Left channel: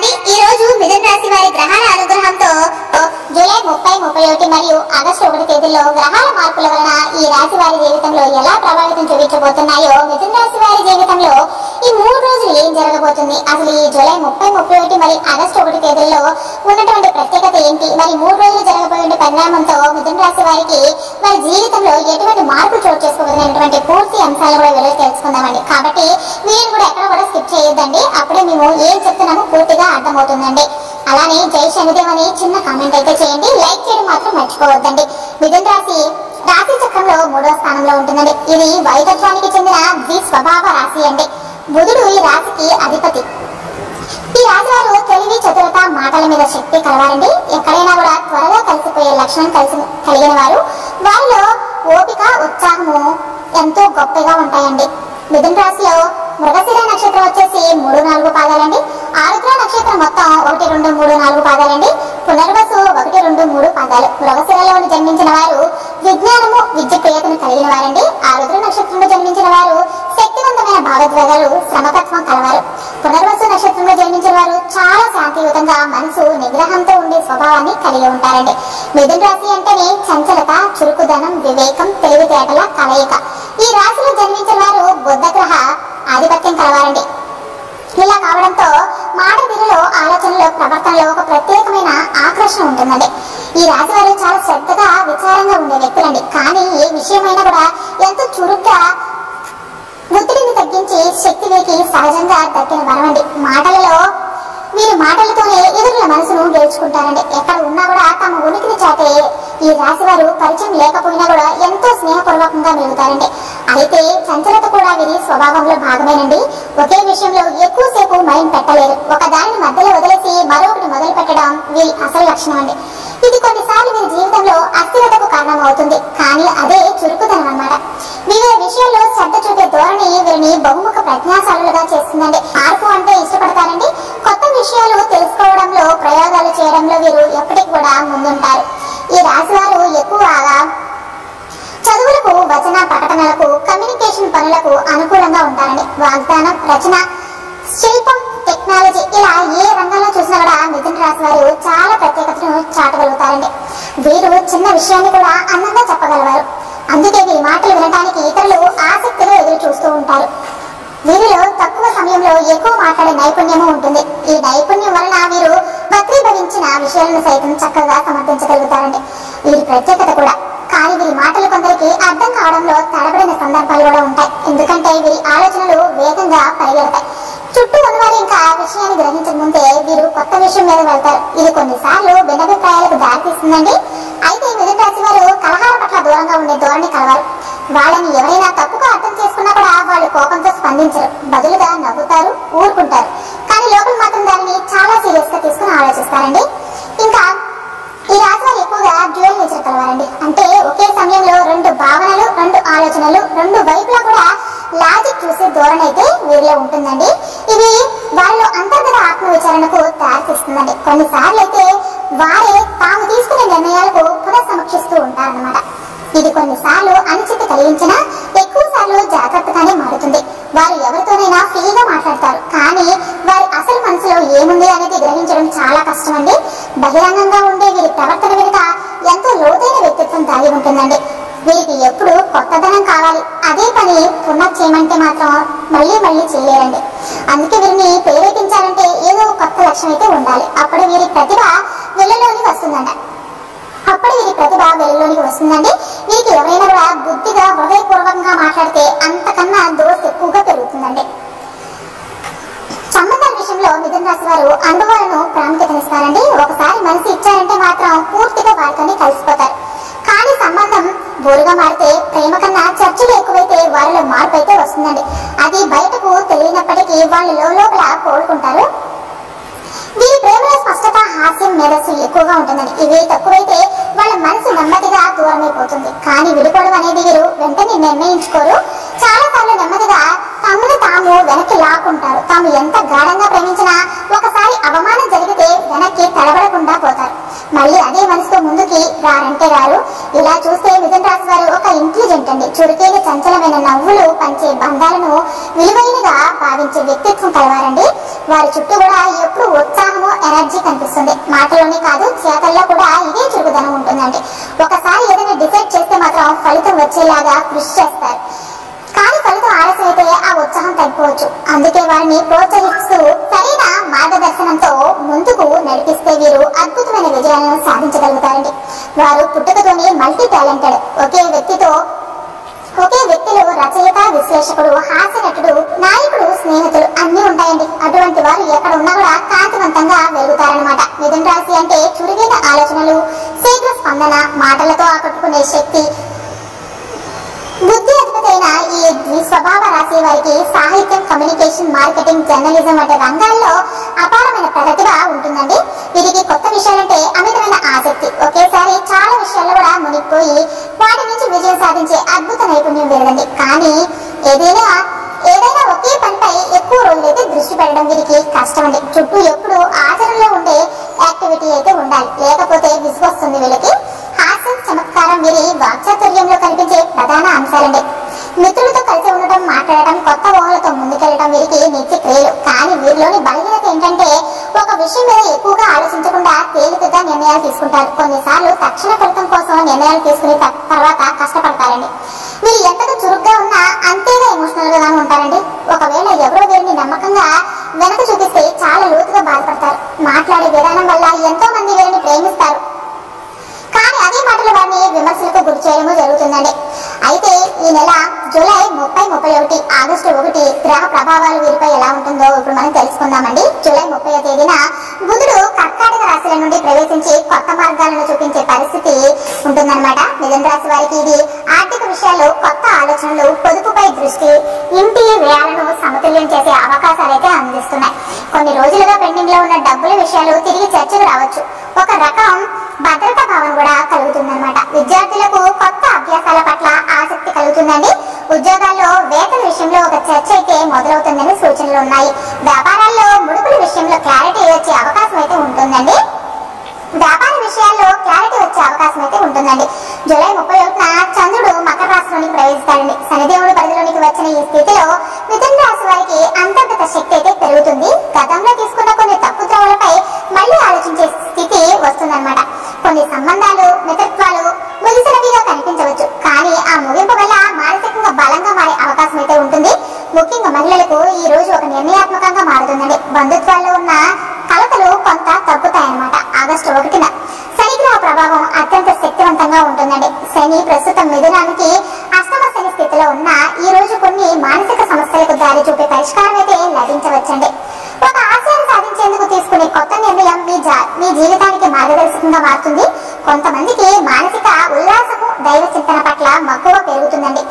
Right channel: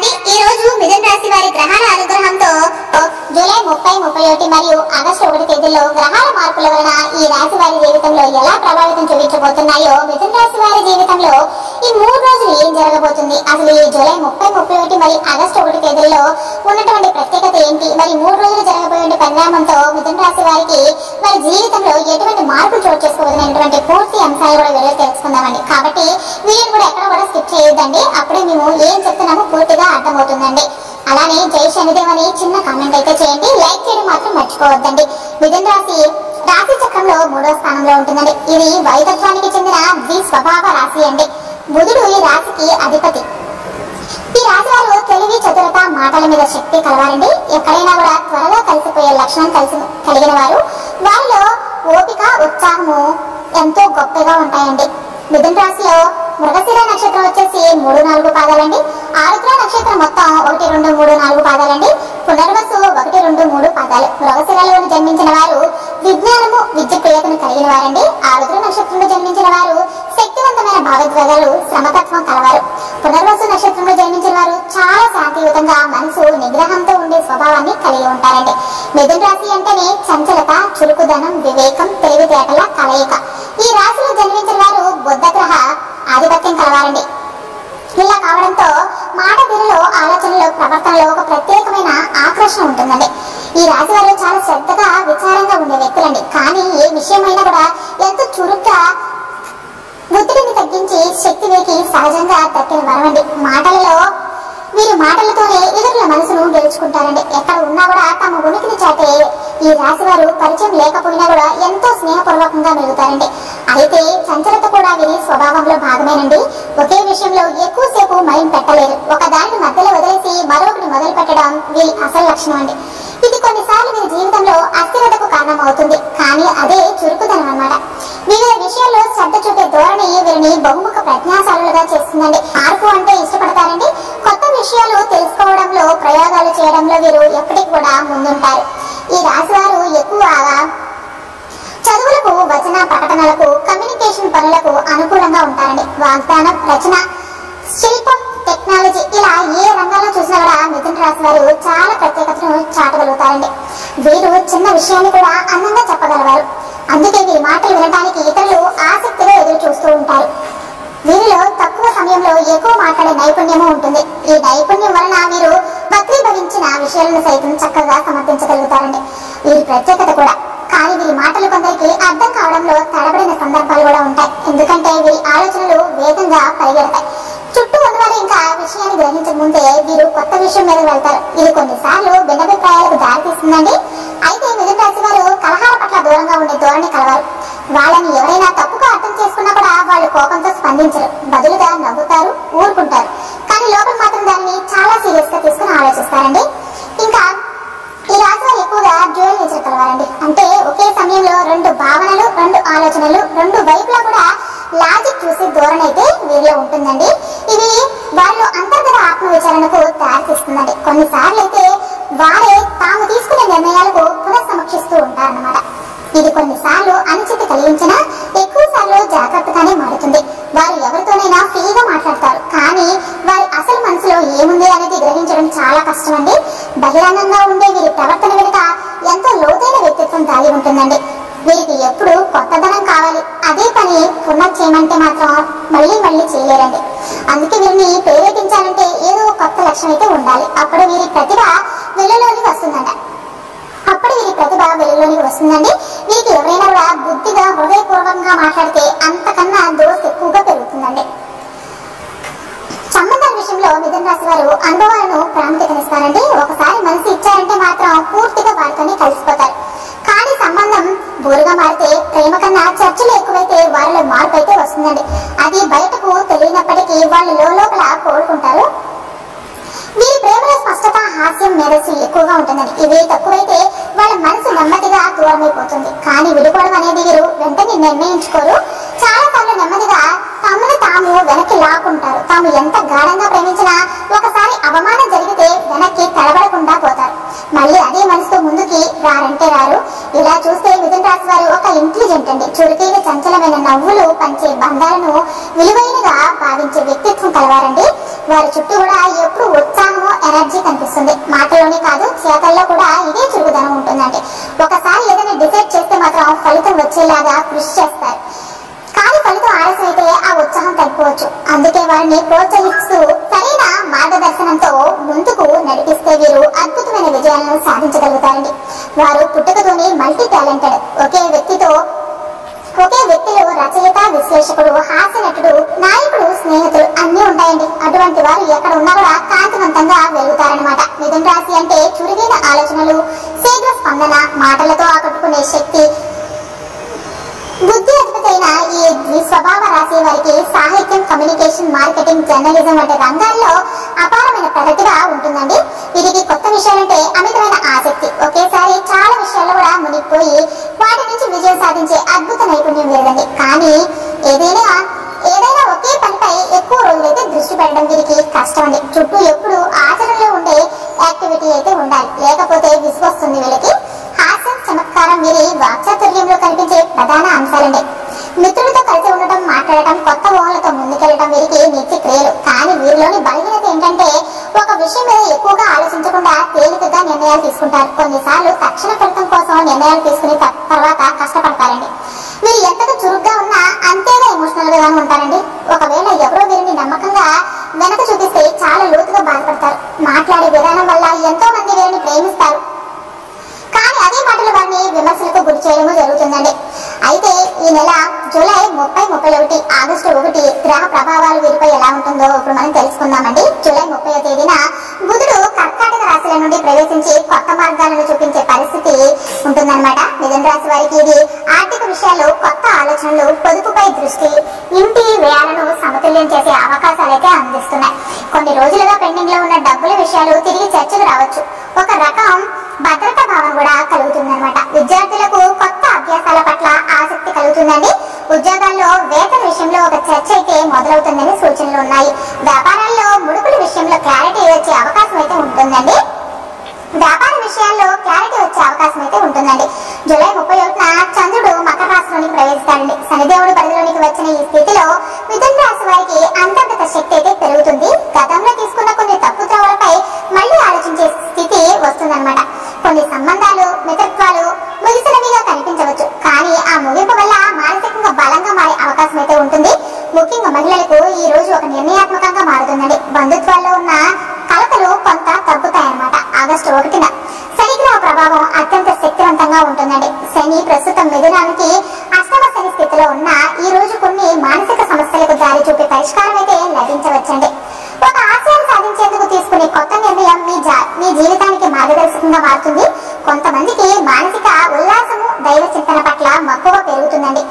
అండి ఈ రోజు మిథున రాశి వారి గ్రహాల అనుగ్రహంతో జూలై 30, 31 మరియు ఆగస్టు 1 తేదీల్లో గ్రహాల మార్పుల వలన ఈ రాశి వారి జీవితంలో ఎలా ప్రభావితం చూపించబోతున్నాయో, మిథున రాశి వారి జీవితంలో ఈ 3 రోజులు ఏం జరగబోతుంది, అసలు ఈ జూలై 30, 31 మరియు ఆగస్టు 1 తేదీల్లో ఉన్నటువంటి ప్రత్యేకత ఏంటి, మరి 3 రోజులు జరగబోయే పరిణామంతో మిథున రాశి వారికి వారి జీవితంలో ఎటువంటి మార్పులు చోటు చేసుకోబోతున్నటువంటి పూర్తి అంశాలను కూడా వీడియో తెలుసుకుందామండి. కాబట్టి వీడియోని కూడా ఎక్కడ కూడా స్కిప్ చేయొద్దండి, అప్పుడే మేము ఏం చెప్తున్నామో పూర్తిగా అర్థమవుతుందండి. అలానే జై శనిదేవ్ అని చిన్న కామెంట్ అయితే చేయండి, లైక్ చేయడం మాత్రం మర్చిపోవద్దండి. మిథున రాశి చక్రంలో 3వ స్థానంలో ఉంటుందండి. ఇది వైతత్వానికి చెందిన ద్విస్వభావ రాశి అండి. బుధుడు ఈ రాశికి అధిపతి. ఈ రాశి వారు తెలివి, చతురత, మాటల మీద శక్తి కలవారండి. ఎక్కడైనా కూడా త్వరగా కలిసిపోయే లక్షణం కలిగిన వారు. వారిలో ఓపిక, ఉత్సాహము ఎంతో గొప్పగా ఉంటాయండి. మిథున రాశిలో మృగశిర నక్షత్రం వచ్చేసి 3, 4 పాదాలండి. ఆరుద్ర నక్షత్రం మొత్తం 1, 2, 3, 4 పాదాలండి. పునర్వసు 1, 2, 3 పాదాలు. మృగశిరలోని జన్మించిన వారు విజ్ఞానము, విద్య ప్రియతను కలిగిన వారండి. ఆరుద్ర నక్షత్రంలో జన్మించిన వారు శక్తివంతమైన భావోద్వేగాలు, శ్రమతత్వం కలవారు. పునర్వసు నక్షత్రంలో జన్మించిన వారు చాలా శాంతియుతంగా, మనసు నిగ్రహంతో ఉండే స్వభావాన్ని కలిగి ఉంటారండి. మిథున రాశి అంటేనే చంచలత, చురుకుదనం, వివేకం, తెలివితేటల కలయిక. ఈ రాశిలో జన్మించిన వారు బుధ గ్రహ ఆధిపత్యం కలవారండి. ఇలా కావడంతో మాట తీరులో, ఆలోచనలో, ప్రవర్తనలో ఒక ప్రత్యేకమైన ఆకర్షణ ఉంటుందండి. ఈ రాశి వారు చాలా శ్రద్ధగా, విచారంగా ఉండే వ్యక్తులండి. కానీ ఏ విషయమైనా కూడా ఎంతో చురుగ్గా ఒత్తిడిని తగ్గించి శక్తి వీరికి సహజంగా దక్కిన వరమండి. వీరి మాటలతోనే ఇతరుల మనసును గెలుచుకుంటారండి. ఎక్కడ ఉన్నా కూడా తమ ఉనికిని చాటే ఈ రాశి వారు పరిచయం లేకపోయినా కూడా ఎంతో స్నేహపూర్వకంగా మెలుగుతారండి. అయితే చంచలత కూడా వీరి స్వభావంలో భాగమేనండి. ఒకే విషయంలో ఎక్కువసేపు మైండ్ పెట్టలేరు. ఒక దానిని మధ్యలో వదిలేసి మరొకటి మొదలు పెట్టడం వీరి అసలు లక్షణం అండి. ఇది కొన్నిసార్లు వీరి జీవితంలో అస్థిరతకు కారణం అవుతుంది. కానీ అదే చురుకుదనం అన్నమాట. వివిధ విషయాల్లో శ్రద్ధ చూపే ధోరణి వీరిని బహుముఖ ప్రజ్ఞాశాలులుగా చేస్తుందండి. మార్పు అంటే ఇష్టపడతారండి. కొత్త విషయాలు తెలుసుకోవడంలో, ప్రయోగాలు చేయడంలో వీరు ఎప్పటికీ కూడా ముందుంటారు. ఈ రాశి వారు ఎక్కువగా చదువులకు, వచన ప్రకటనలకు, కమ్యూనికేషన్ పనులకు అనుకూలంగా ఉంటారండి. వాగ్దానం, రచన, శిల్పం, టెక్నాలజీ ఇలా ఏ రంగంలో చూసినా కూడా మిథున రాశి వారు చాలా ప్రత్యేకతను చాటగలుగుతారండి. వీరు చిన్న విషయాన్ని కూడా అందంగా చెప్పగలవారు. అందుకే వీరి మాటలు వినడానికి ఇతరులు ఆసక్తిగా ఎదురు చూస్తూ ఉంటారు. వీరిలో తక్కువ సమయంలో ఎక్కువ మాట్లాడే నైపుణ్యము ఉంటుంది. ఈ నైపుణ్యం వలన వీరు వక్రీభవించిన విషయాలను సైతం చక్కగా సమర్థించగలుగుతారండి. వీరి ప్రత్యేకత కూడా. కానీ వీరి మాటలు కొందరికి అర్థం కావడంలో తడబడిన సందర్భాలు కూడా ఉంటాయి. ఎందుకంటే వీరి ఆలోచనలు వేగంగా పరిగెడతాయి. చుట్టూ ఉన్నవారు ఇంకా ఆ విషయాన్ని గ్రహించక ముందే వీరు కొత్త విషయం మీద వెళ్తారు. ఇది కొన్నిసార్లు భిన్నాభిప్రాయాలకు దారితీస్తుందండి. అయితే మిథున రాశి వారు కలహాల పట్ల దూరంగా ఉండే ధోరణి కలవారు. వాళ్ళని ఎవరైనా తప్పుగా అర్థం చేసుకున్నా కూడా వాళ్ళు కోపంతో స్పందించరు. బదులుగా నవ్వుతారు, ఊరుకుంటారు. కానీ లోపల మాత్రం దానిని చాలా సీరియస్ గా తీసుకుని ఆలోచిస్తారండి. ఇంకా ఈ రాశి వారు ఎక్కువగా డ్యూయల్ నేచర్ కలవారండి. అంటే ఒకే సమయంలో 2 భావనలు, 2 ఆలోచనలు, 2 వైపులా కూడా లాజిక్ చూసే ధోరణి అయితే వీరిలో ఉంటుందండి. ఇది వారిలో అంతర్గత ఆత్మవిచారణకు దారితీస్తుందండి. కొన్నిసార్లు అయితే వారే తాము తీసుకునే నిర్ణయాలకు పునఃసమీక్షిస్తూ ఉంటారన్నమాట. ఇది కొన్నిసార్లు అనిశ్చితి కలిగించినా ఎక్కువ సార్లు జాగ్రత్తగానే మారుతుంది. వారు ఎవరితోనైనా ఫ్రీగా మాట్లాడతారు. కానీ వారి అసలు మనసులో ఏముంది అనేది గ్రహించడం చాలా కష్టం అండి. బహిరంగంగా ఉండే వీరి ప్రవర్తన వెనుక ఎంతో లోతైన వ్యక్తిత్వం దాగి ఉంటుందండి. వీరికి ఎప్పుడు కొత్తదనం కావాలి. అదే పని పునః చేయమంటే మాత్రం మళ్ళీ చేయలేరండి. అందుకే వీరిని ప్రేరేపించాలంటే ఏదో కొత్త లక్ష్యం అయితే ఉండాలి. అప్పుడు వీరి ప్రతిభ వెలుగులోకి వస్తుందండి. వీరికి ఎవరైనా కూడా బుద్ధిగా, హృదయపూర్వకంగా మాట్లాడితే అంతకన్నా దోస్తు ఎక్కువగా పెరుగుతుందండి. సంబంధాల విషయంలో మిథున రాశి వారు అనుభవాలను ప్రాముఖ్యతనిస్తారండి. ఒకసారి మనసు ఇచ్చారంటే మాత్రం పూర్తిగా వారితోనే కలిసిపోతారు. కానీ సంబంధం బోరుగా మారితే, ప్రేమ కన్నా చర్చలు ఎక్కువైతే వారిలో మార్పు అయితే వస్తుందండి. అది బయటకు తెలియనప్పటికీ వాళ్ళు లోపల కోలుకుంటారు. వీరి ప్రేమలో స్పష్టత, హాస్యం, మేధస్సు ఎక్కువగా ఉంటుందండి. ఇవి తక్కువైతే వాళ్ళ మనసు నెమ్మదిగా దూరమైపోతుంది. కానీ విడిపోవడం అనేది వీరు వెంటనే నిర్ణయించుకోరు. చాలా సార్లు నెమ్మదిగా తమను తాము వెనక్కి లాక్కుంటారు. తాము ఎంత గాఢంగా ప్రేమించినా ఒకసారి అవమానం జరిగితే వెనక్కి తడబడకుండా పోతారు. మళ్ళీ అదే మనసుతో ముందుకి రారంటే రారు. ఇలా చూస్తే మిథున రాశి వారు ఒక ఇంటెలిజెంట్ అండి. చురుకైన చంచలమైన నవ్వులు పంచే బంధాలను విలువైనగా భావించే వ్యక్తిత్వం కలవారండి. వారి చుట్టూ కూడా ఎప్పుడు ఉత్సాహము, ఎనర్జీ కనిపిస్తుంది. మాటల్లోనే కాదు, చేతల్లో కూడా ఇదే చురుకుదనం ఉంటుందండి. ఒకసారి ఏదైనా డిసైడ్ చేస్తే మాత్రం ఫలితం వచ్చేలాగా కృషి చేస్తారు. కానీ ఫలితం ఆలస్యం అయితే ఆ ఉత్సాహం తగ్గిపోవచ్చు. అందుకే వారిని ప్రోత్సహిస్తూ సరైన మార్గదర్శనంతో ముందుకు నడిపిస్తే వీరు అద్భుతమైన విజయాలను సాధించగలుగుతారండి. వారు పుట్టుకతోనే మల్టీ టాలెంటెడ్. ఒకే వ్యక్తిలో రచయిత, విశ్లేషకుడు, హాస్య నటుడు, నాయకుడు, స్నేహితులు అన్నీ ఉంటాయండి. అటువంటి వారు ఎక్కడ ఉన్నా కూడా కాంతివంతంగా వెలుగుతారనమాట. మిథున రాశి అంటే చురుగైన ఆలోచనలు, శీఘ్ర స్పందన, మాటలతో ఆకట్టుకునే శక్తి. బుద్ధి అధిపతైన ఈ ద్విస్వభావ రాశి వారికి సాహిత్యం, కమ్యూనికేషన్, మార్కెటింగ్, జర్నలిజం వంటి రంగాల్లో అపారమైన ప్రతిభ ఉంటుందండి. వీరికి కొత్త విషయాలంటే అమితమైన ఆసక్తి. ఒకేసారి చాలా విషయాల్లో కూడా మునిగిపోయి వాటి నుంచి విజయం సాధించే అద్భుత నైపుణ్యం వీరిదండి. కానీ ఏదైనా ఒకే పనిపై ఎక్కువ రోజులైతే దృష్టి పెట్టడం వీరికి కష్టం అండి. చుట్టూ ఎప్పుడు ఆచరణలో ఉండే యాక్టివిటీ అయితే ఉండాలి, లేకపోతే విసుగొస్తుంది వీళ్ళకి. హాస్యం, చమత్కారం వీరి వాక్చాతుర్యంలో కనిపించే ప్రధాన అంశాలండి. మిత్రులతో కలిసి ఉండటం, మాట్లాడటం, కొత్త ఊహలతో ముందుకెళ్లడం వీరికి నిత్య క్రియలు. కానీ వీరిలోని బలహీనత ఏంటంటే ఒక విషయం మీద ఎక్కువగా ఆలోచించకుండా తేలికగా నిర్ణయాలు తీసుకుంటారు. కొన్నిసార్లు తక్షణ ఫలితం కోసం నిర్ణయాలు తీసుకుని తర్వాత కష్టపడతారండి. వీరు ఎంతగా చురుగ్గా ఉన్నా అంతేగా ఎమోషనల్ గాను ఉంటారండి. ఒకవేళ ఎవరో వీరిని నమ్మకంగా వెనక చూపిస్తే చాలా లోతుగా బాధపడతారు. మాట్లాడే విధానం వల్ల ఎంతో మంది వీరిని ప్రేమిస్తారు, కానీ అదే మాటలు వారిని విమర్శలకు గురి చేయడము జరుగుతుందండి. అయితే ఈ నెల జూలై 30, 31, ఆగస్టు 1 గ్రహ ప్రభావాలు వీరిపై ఎలా ఉంటుందో ఇప్పుడు మనం తెలుసుకుందామండి. జూలై 30వ తేదీన బుధుడు కర్కాటక రాశిల నుండి ప్రవేశించి కొత్త మార్గాలను చూపించే పరిస్థితి ఉంటుందన్నమాట. మిథున రాశి వారికి ఇది ఆర్థిక విషయాల్లో కొత్త ఆలోచనలు, పొదుపుపై దృష్టి, ఇంటి వ్యయాలను సమతుల్యం చేసే అవకాశాలు అయితే అందిస్తున్నాయి. కొన్ని రోజులుగా పెండింగ్ లో ఉన్న డబ్బుల విషయాలు తిరిగి చర్చకు రావచ్చు. ఒక రకం భద్రతా భావన కూడా కలుగుతుందన్నమాట. విద్యార్థులకు కొత్త అభ్యాసాల పట్ల ఆసక్తి కలుగుతుందండి. ఉద్యోగాల్లో వేతన విషయంలో ఒక చర్చ అయితే మొదలవుతుందని సూచనలు ఉన్నాయి. వ్యాపారాల్లో ముడుపుల విషయంలో క్లారిటీ వచ్చే అవకాశం అయితే ఉంటుందండి. జూలై 31న చంద్రుడు మకర రాశిలోనికి ప్రవేశిస్తాడండి. శనిదేవుడు పరిధిలోనికి వచ్చిన ఈ స్థితిలో మిథున రాశి వారికి అంతర్గత శక్తి అయితే పెరుగుతుంది. గతంలో తీసుకున్న కొన్ని తప్పు ద్రవాలపై మళ్ళీ ఆలోచించే స్థితి వస్తుందన్నమాట. కొన్ని సంబంధాలు, మిత్రత్వాలు ముగిసినవిగా కనిపించవచ్చు, కానీ ఆ ముగింపు వల్ల మానసికంగా బలంగా మారే అవకాశం అయితే ఉంటుంది. ముఖ్యంగా మహిళలకు ఈ రోజు ఒక నిర్ణయాత్మకంగా మారుతుందండి. బంధుత్వాల్లో ఉన్న కలతలు కొంత తగ్గుతాయన్నమాట. ఆగస్టు 1న శనిగ్రహ ప్రభావం అత్యంత శక్తివంతంగా ఉంటుందండి. శని ప్రస్తుతం మిథునానికి అష్టమ శని స్థితిలో ఉన్న ఈ రోజు కొన్ని మానసిక సమస్యలకు దారి చూపే పరిష్కారం అయితే లభించవచ్చండి. ఒక ఆశయాన్ని సాధించేందుకు తీసుకునే కొత్త నిర్ణయం మీ జీవితానికి మార్గదర్శకంగా మారుతుంది. కొంతమందికి మానసిక ఉల్లాసము, దైవ చింతన పట్ల మక్కువ పెరుగుతుందండి.